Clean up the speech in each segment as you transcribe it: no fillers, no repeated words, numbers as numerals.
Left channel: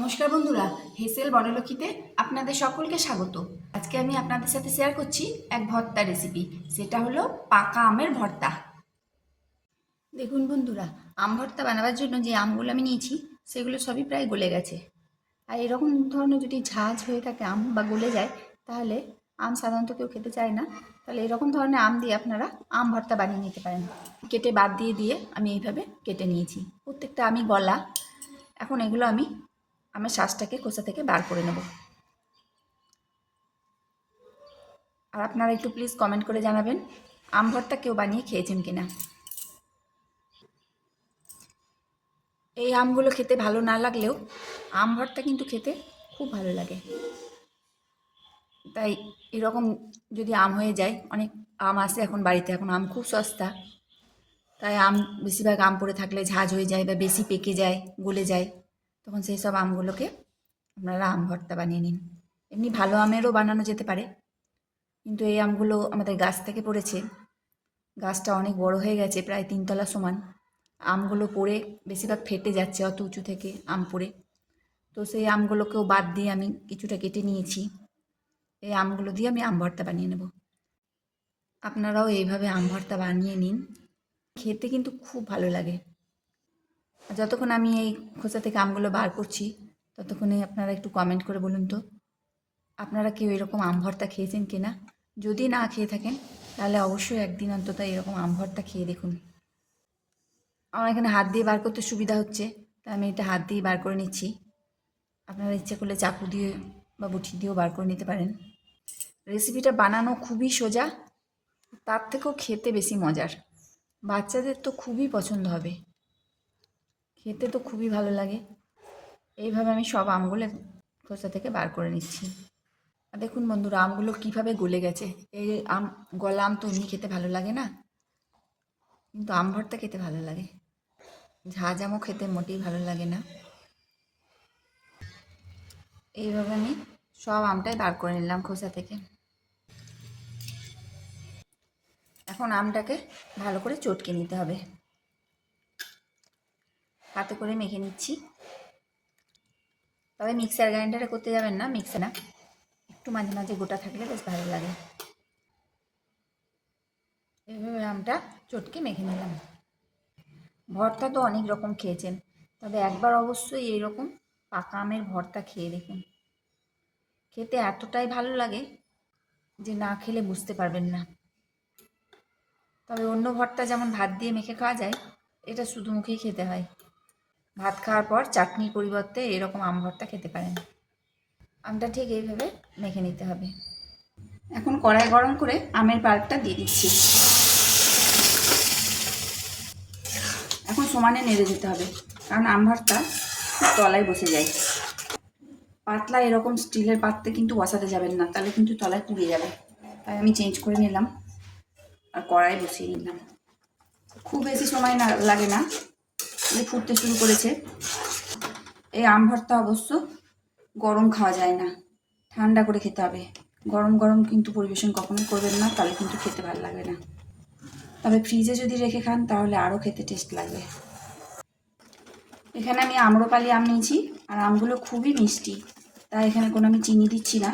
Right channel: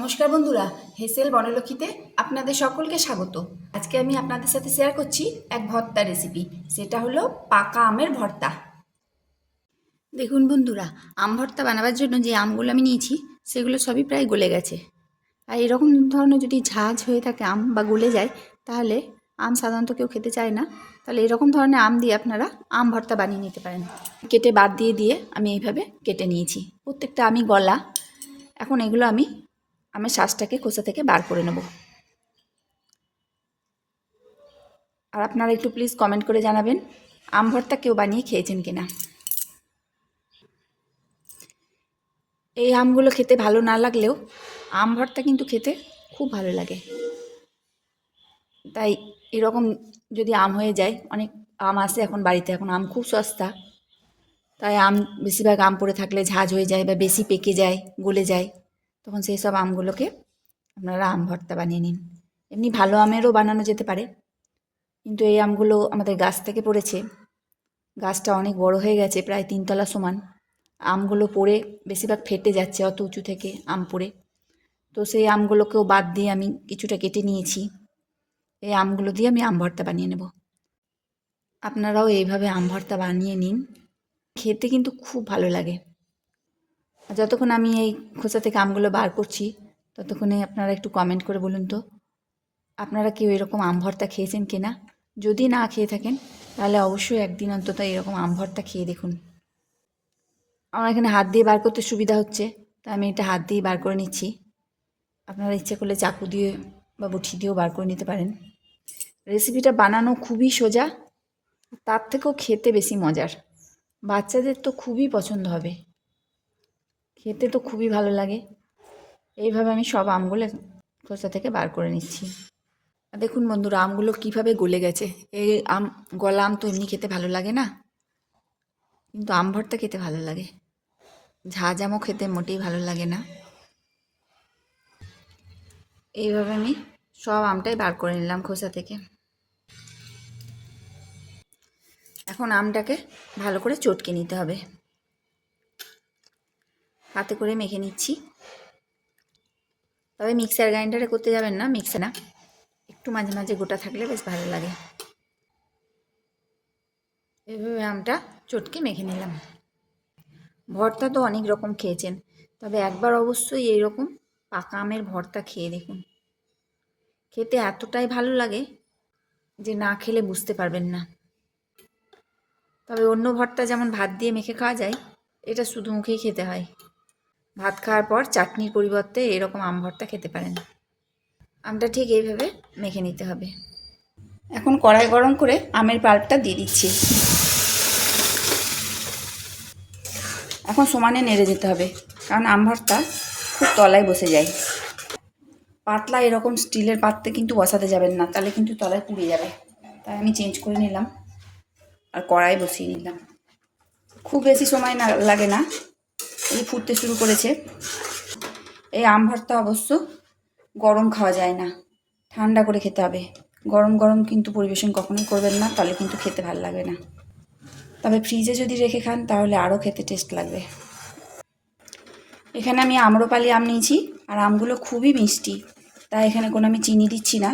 নমস্কার বন্ধুরা, হেসেল বনলক্ষীতে আপনাদের সকলকে স্বাগত। আজকে আমি আপনাদের সাথে শেয়ার করছি এক ভর্তা রেসিপি। সেটা হলো পাকা আমের ভর্তা। দেখুন বন্ধুরা, আম ভর্তা বানাবার জন্য যে আমগুলো আমি নিয়েছি সেগুলো সবই প্রায় গলে গেছে। আর এরকম ধরনের যদি ঝাঁঝ হয়ে থাকে আম বা গলে যায়, তাহলে আম সাধারণত কেউ খেতে চায় না। তাহলে এরকম ধরনের আম দিয়ে আপনারা আম ভর্তা বানিয়ে নিতে পারেন। কেটে বাদ দিয়ে আমি এইভাবে কেটে নিয়েছি। প্রত্যেকটা আমি গলা। এখন এগুলো আমি আমের শ্বাসটাকে খোসা থেকে বার করে নেব। আর আপনারা একটু প্লিজ কমেন্ট করে জানাবেন আম ভর্তা কেউ বানিয়ে খেয়েছেন কিনা। এই আমগুলো খেতে ভালো না লাগলেও আম ভর্তা কিন্তু খেতে খুব ভালো লাগে। তাই এরকম যদি আম হয়ে যায়, অনেক আম আসে এখন বাড়িতে, এখন আম খুব সস্তা। তাই আম বেশিরভাগ আম পড়ে থাকলে ঝাঁঝ হয়ে যায় বা বেশি পেকে যায়, গলে যায়, তখন সেই সব আমগুলোকে আপনারা আম ভর্তা বানিয়ে নিন। এমনি ভালো আমেরও বানানো যেতে পারে, কিন্তু এই আমগুলো আমাদের গাছ থেকে পড়েছে। গাছটা অনেক বড় হয়ে গেছে, প্রায় 3 তলা সমান। আমগুলো পড়ে বেশিরভাগ ফেটে যাচ্ছে অত উঁচু থেকে আম পড়ে। তো সেই আমগুলোকেও বাদ দিয়ে আমি কিছুটা কেটে নিয়েছি। এই আমগুলো দিয়ে আমি আম ভর্তা বানিয়ে নেব। আপনারাও এইভাবে আম ভর্তা বানিয়ে নিন, খেতে কিন্তু খুব ভালো লাগে। যতক্ষণ আমি এই খোসা থেকে আমগুলো বার করছি, ততক্ষণে আপনারা একটু কমেন্ট করে বলুন তো আপনারা কেউ এরকম আম ভর্তা খেয়েছেন কিনা। যদি না খেয়ে থাকেন তাহলে অবশ্যই একদিন অন্তত এরকম আম ভর্তা খেয়ে দেখুন। আমার এখানে হাত দিয়ে বার করতে সুবিধা হচ্ছে, তাই আমি এটা হাত দিয়ে বার করে নিচ্ছি। আপনারা ইচ্ছে করলে চাকু দিয়ে বা বটি দিয়েও বার করে নিতে পারেন। রেসিপিটা বানানো খুবই সোজা, তার থেকেও খেতে বেশি মজার। বাচ্চাদের তো খুবই পছন্দ হবে, খেতে তো খুবই ভালো লাগে। এইভাবে আমি সব আমগুলো খোসা থেকে বার করে নিচ্ছি। দেখুন বন্ধুরা, আমগুলো কীভাবে গলে গেছে। এই আম, গলা আম তো এমনি খেতে ভালো লাগে না, কিন্তু আম ভর্তা খেতে ভালো লাগে। ঝাঁঝ আমও খেতে মোটেই ভালো লাগে না। এইভাবে আমি সব আমটাই বার করে নিলাম খোসা থেকে। এখন আমটাকে ভালো করে চটকে নিতে হবে। হাতে করে মেখে নিচ্ছি। তবে মিক্সার গ্রাইন্ডারে করতে যাবেন না, মিক্সার না, একটু মাঝে মাঝে গোটা থাকলে বেশ ভালো লাগে। এইভাবে আমটা চটকে মেখে নিলাম। ভর্তা তো অনেক রকম খেয়েছেন, তবে একবার অবশ্যই এইরকম পাকা আমের ভর্তা খেয়ে দেখুন। খেতে এতটাই ভালো লাগে যে না খেলে বুঝতে পারবেন না। তবে অন্য ভর্তা যেমন ভাত দিয়ে মেখে খাওয়া যায়, এটা শুধু মুখেই খেতে হয়। ভাত খাওয়ার পর চাটনির পরিবর্তে এরকম আম ভর্তা খেতে পারেন। আমটা ঠিক এইভাবে মেখে নিতে হবে। এখন কড়াই গরম করে আমের পাল্পটা দিয়ে দিচ্ছি। এখন সমানে নেড়ে দিতে হবে, কারণ আম ভর্তা খুব তলায় বসে যায়। পাতলা এরকম স্টিলের পাত্রে কিন্তু বসাতে যাবেন না, তাহলে কিন্তু তলায় পুড়ে যাবে। তাই আমি চেঞ্জ করে নিলাম আর কড়াই বসিয়ে নিলাম। খুব বেশি সময় লাগে না, এই ফুটতে শুরু করেছে। এই আম ভর্তা অবশ্য গরম খাওয়া যায় না, ঠান্ডা করে খেতে হবে। গরম গরম কিন্তু পরিবেশন কখনোই করবেন না, তাহলে কিন্তু খেতে ভালো লাগবে না। তবে ফ্রিজে যদি রেখে খান তাহলে আরও খেতে টেস্ট লাগবে। এখানে আমি আম্রপালি আম নিয়েছি, আর আমগুলো খুবই মিষ্টি, তাই এখানে কোনো আমি চিনি দিচ্ছি না।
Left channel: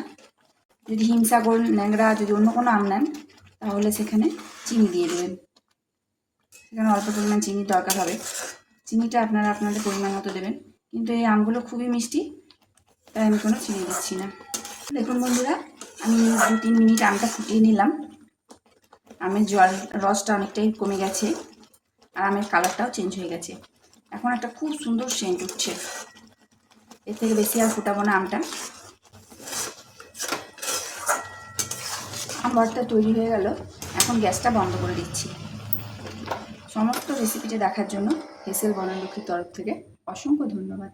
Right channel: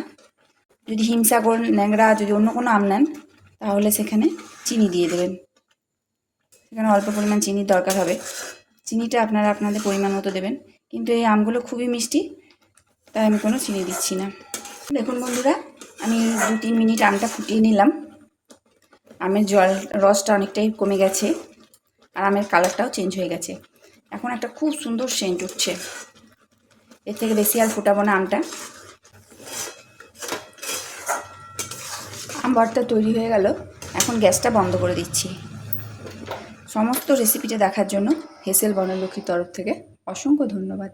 যদি হিমসাগর, ন্যাংরা, যদি অন্য কোনো আম নেন তাহলে সেখানে চিনি দিয়ে দেবেন। সেখানে অল্প পরিমাণ চিনির দরকার হবে। চিনিটা আপনারা আপনাদের পরিমাণ মতো দেবেন, কিন্তু এই আমগুলো খুবই মিষ্টি, তাই আমি কোনো চিনি দিচ্ছি না। দেখুন বন্ধুরা, আমি 2-3 মিনিট আমটা ফুটিয়ে নিলাম। আমের রসটা অনেকটাই কমে গেছে, আর আমের কালারটাও চেঞ্জ হয়ে গেছে। এখন একটা খুব সুন্দর সেন্ট উঠছে। এর থেকে বেশি আর ফুটাবো না আমটা। আম ভর্তা তৈরি হয়ে গেল। এখন গ্যাসটা বন্ধ করে দিচ্ছি। সমস্ত রেসিপিটা দেখার জন্য হেসেল বনলক্ষীর তরফ থেকে অসংখ্য ধন্যবাদ।